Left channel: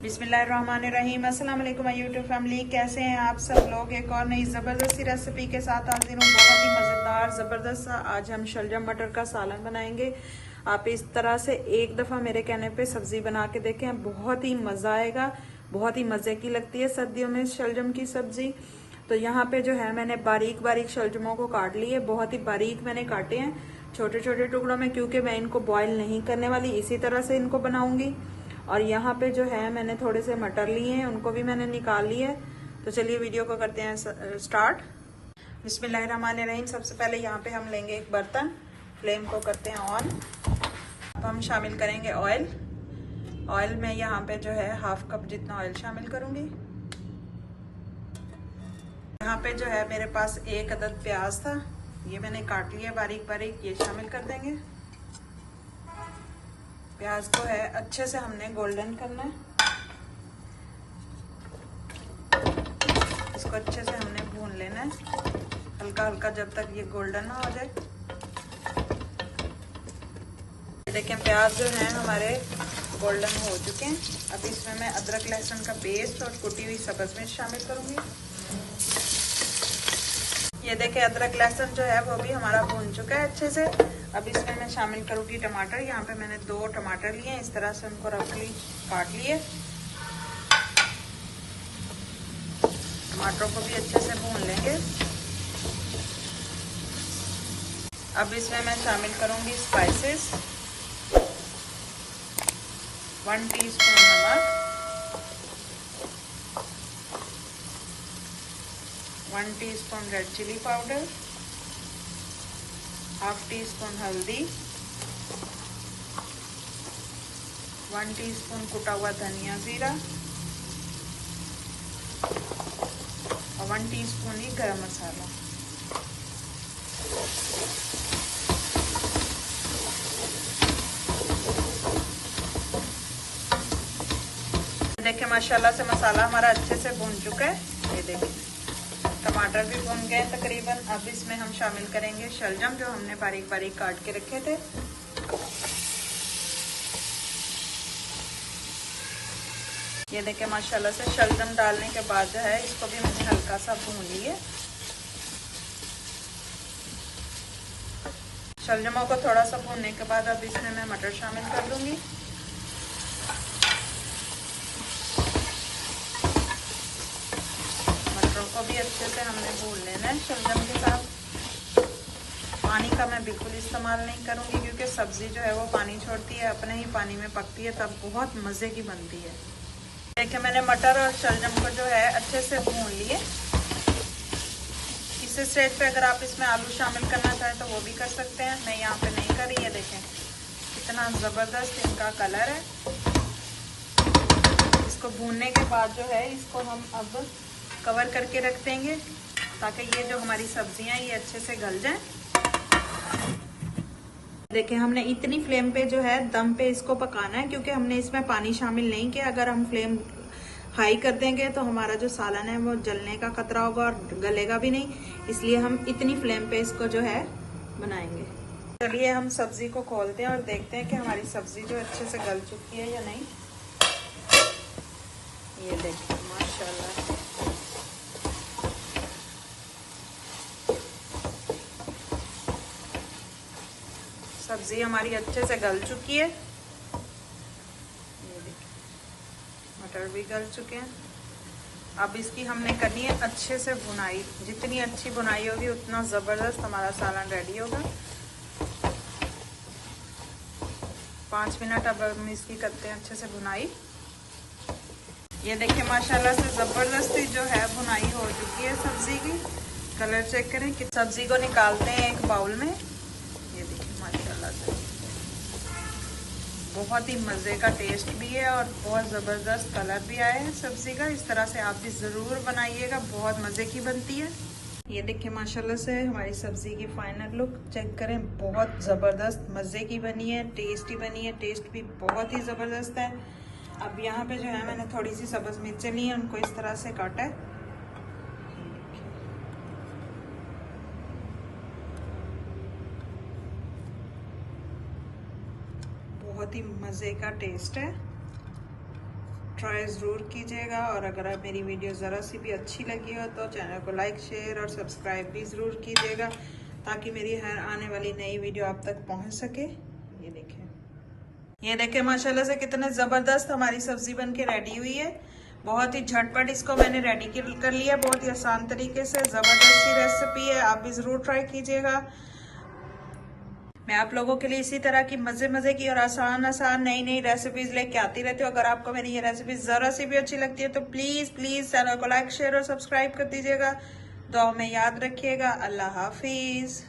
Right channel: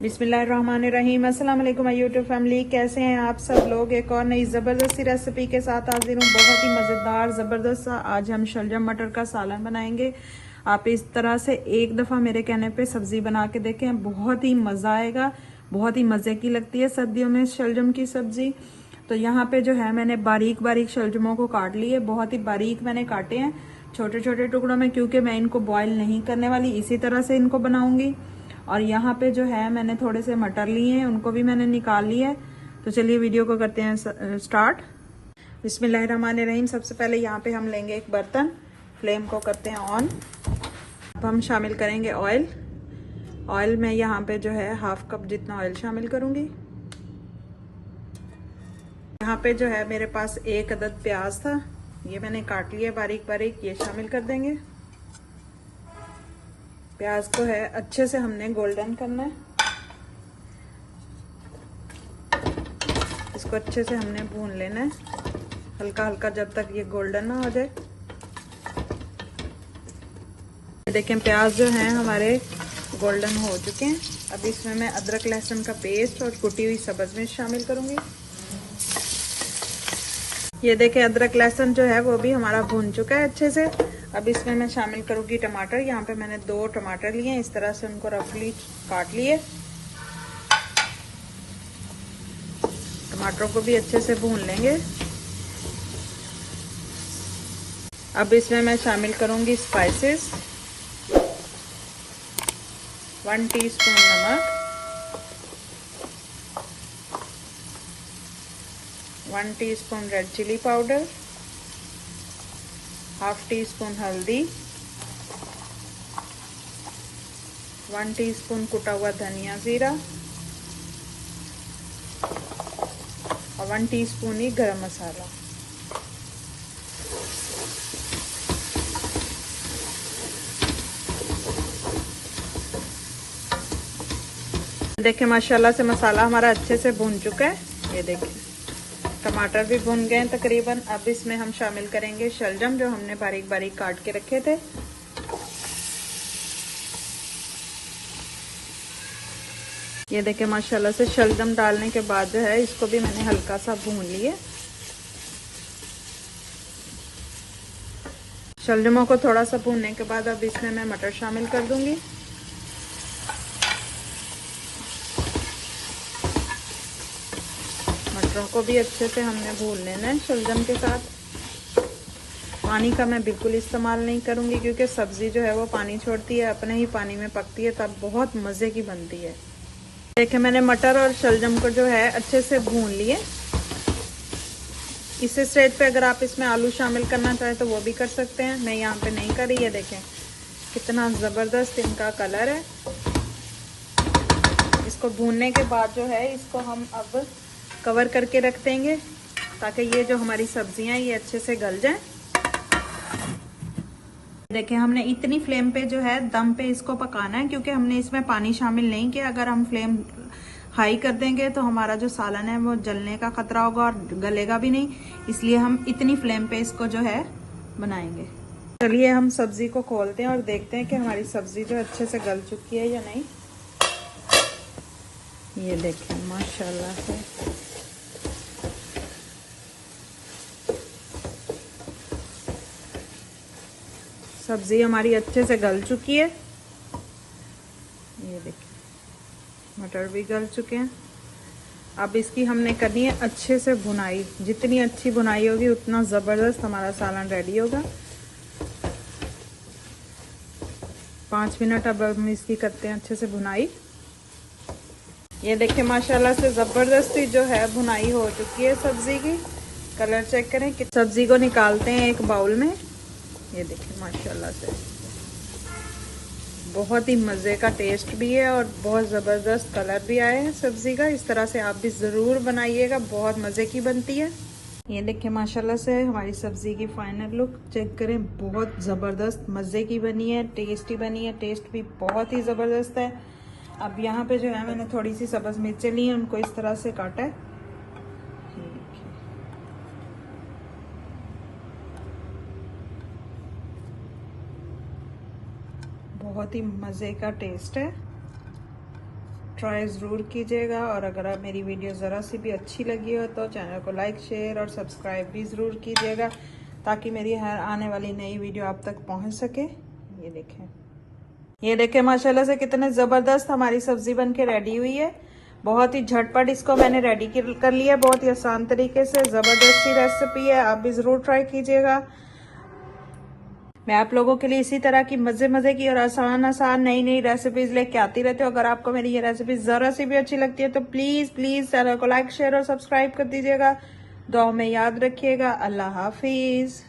बिस्मिल्लाहिर्रहमानिर्रहीम। अस्सलाम वालेकुम यूट्यूब फैमिली, कैसे हैं आप सब लोग। एक और नई ज़बरदस्त सी रेसिपी के साथ हाजिर हूँ। बहुत ही मज़ेदार ज़बरदस्त सा आज हम शलजम मटर का सालन बनाएंगे। आप इस तरह से एक दफ़ा मेरे कहने पे सब्ज़ी बना के देखें, बहुत ही मज़ा आएगा, बहुत ही मज़े की लगती है सर्दियों में शलजम की सब्ज़ी। तो यहाँ पे जो है मैंने बारीक बारीक शलजमों को काट लिए, बहुत ही बारीक मैंने काटे हैं छोटे छोटे टुकड़ों में, क्योंकि मैं इनको बॉयल नहीं करने वाली, इसी तरह से इनको बनाऊंगी। और यहाँ पे जो है मैंने थोड़े से मटर लिए हैं, उनको भी मैंने निकाल लिया है। तो चलिए वीडियो को करते हैं स्टार्ट। बिस्मिल्लाहिर्रहमानिर्रहीम। सबसे पहले यहाँ पे हम लेंगे एक बर्तन, फ्लेम को करते हैं ऑन। अब हम शामिल करेंगे ऑयल। ऑयल में यहाँ पे जो है हाफ कप जितना ऑयल शामिल करूंगी। यहाँ पे जो है मेरे पास एक अदद प्याज था, ये मैंने काट लिया बारीक बारीक, ये शामिल कर देंगे। प्याज को है अच्छे से हमने गोल्डन करना है, इसको अच्छे से हमने भून लेना है हल्का हल्का जब तक ये गोल्डन ना हो जाए। देखें प्याज जो है हमारे गोल्डन हो चुके हैं। अब इसमें मैं अदरक लहसुन का पेस्ट और कुटी हुई सब्ज मिर्च शामिल करूंगी। ये देखें अदरक लहसुन जो है वो भी हमारा भून चुका है अच्छे से। अब इसमें मैं शामिल करूंगी टमाटर। यहाँ पे मैंने 2 टमाटर लिए, इस तरह से उनको रफली काट लिए। टमाटरों को भी अच्छे से भून लेंगे। अब इसमें मैं शामिल करूंगी स्पाइसेस। 1 टीस्पून नमक, 1 teaspoon red chilli powder, half teaspoon हल्दी, 1 टीस्पून कुटा हुआ धनिया जीरा और 1 टीस्पून ही गरम मसाला। देखिए माशाल्लाह से मसाला हमारा अच्छे से भून चुका है। ये देखिए टमाटर भी भून गए तकरीबन। अब इसमें हम शामिल करेंगे शलजम जो हमने बारीक बारीक काट के रखे थे। ये देखिए माशाल्लाह से शलजम डालने के बाद जो है इसको भी मैंने हल्का सा भून लिया। शलजमों को थोड़ा सा भूनने के बाद अब इसमें मैं मटर शामिल कर दूंगी। को भी अच्छे से हमने भून लेना है शलजम के साथ। पानी का मैं बिल्कुल इस्तेमाल नहीं करूंगी, क्योंकि सब्जी जो है वो पानी छोड़ती है, अपने ही पानी में पकती है, तब बहुत मजे की बनती है। देखिए मैंने मटर और शलजम को जो है अच्छे से भून लिए। इस स्टेज पे अगर आप इसमें आलू शामिल करना चाहें तो वो भी कर सकते हैं, मैं यहाँ पे नहीं करी है। देखें कितना जबरदस्त इनका कलर है। इसको भूनने के बाद जो है इसको हम अब कवर करके रख देंगे, ताकि ये जो हमारी सब्जियां ये अच्छे से गल जाएं। देखिए हमने इतनी फ्लेम पे जो है दम पे इसको पकाना है, क्योंकि हमने इसमें पानी शामिल नहीं किया। अगर हम फ्लेम हाई कर देंगे तो हमारा जो सालन है वो जलने का खतरा होगा और गलेगा भी नहीं, इसलिए हम इतनी फ्लेम पे इसको जो है बनाएंगे। चलिए हम सब्जी को खोलते हैं और देखते हैं कि हमारी सब्जी जो अच्छे से गल चुकी है या नहीं। ये देखिए माशाल्लाह से सब्जी हमारी अच्छे से गल चुकी है। ये देखिए मटर भी गल चुके हैं। अब इसकी हमने करनी है अच्छे से भुनाई। जितनी अच्छी भुनाई होगी उतना जबरदस्त हमारा सालन रेडी होगा। 5 मिनट अब हम इसकी करते हैं अच्छे से भुनाई। ये देखिए माशाल्लाह से जबरदस्ती जो है भुनाई हो चुकी है सब्जी की। कलर चेक करें कि सब्जी को निकालते हैं एक बाउल में। ये देखिए माशाल्लाह से बहुत ही मज़े का टेस्ट भी है और बहुत ज़बरदस्त कलर भी आया है सब्जी का। इस तरह से आप भी ज़रूर बनाइएगा, बहुत मज़े की बनती है। ये देखिए माशाल्लाह से हमारी सब्जी की फाइनल लुक चेक करें, बहुत ज़बरदस्त मज़े की बनी है, टेस्टी बनी है, टेस्ट भी बहुत ही ज़बरदस्त है। अब यहाँ पे जो है मैंने थोड़ी सी सब्ज़ मिर्चें ली हैं, उनको इस तरह से काटा है। बहुत ही मज़े का टेस्ट है। ट्राई ज़रूर कीजिएगा। और अगर आप मेरी वीडियो ज़रा सी भी अच्छी लगी हो तो चैनल को लाइक, शेयर और सब्सक्राइब भी ज़रूर कीजिएगा, ताकि मेरी हर आने वाली नई वीडियो आप तक पहुंच सके। ये देखें माशाल्लाह से कितने ज़बरदस्त हमारी सब्ज़ी बन के रेडी हुई है। बहुत ही झटपट इसको मैंने रेडी कर लिया, बहुत ही आसान तरीके से। ज़बरदस्त सी रेसिपी है, आप भी ज़रूर ट्राई कीजिएगा। मैं आप लोगों के लिए इसी तरह की मज़े की और आसान नई रेसिपीज़ लेके आती रहती हूँ। अगर आपको मेरी ये रेसिपी ज़रा सी भी अच्छी लगती है तो प्लीज़ चैनल को लाइक, शेयर और सब्सक्राइब कर दीजिएगा। दुआ में याद रखिएगा। अल्लाह हाफिज़।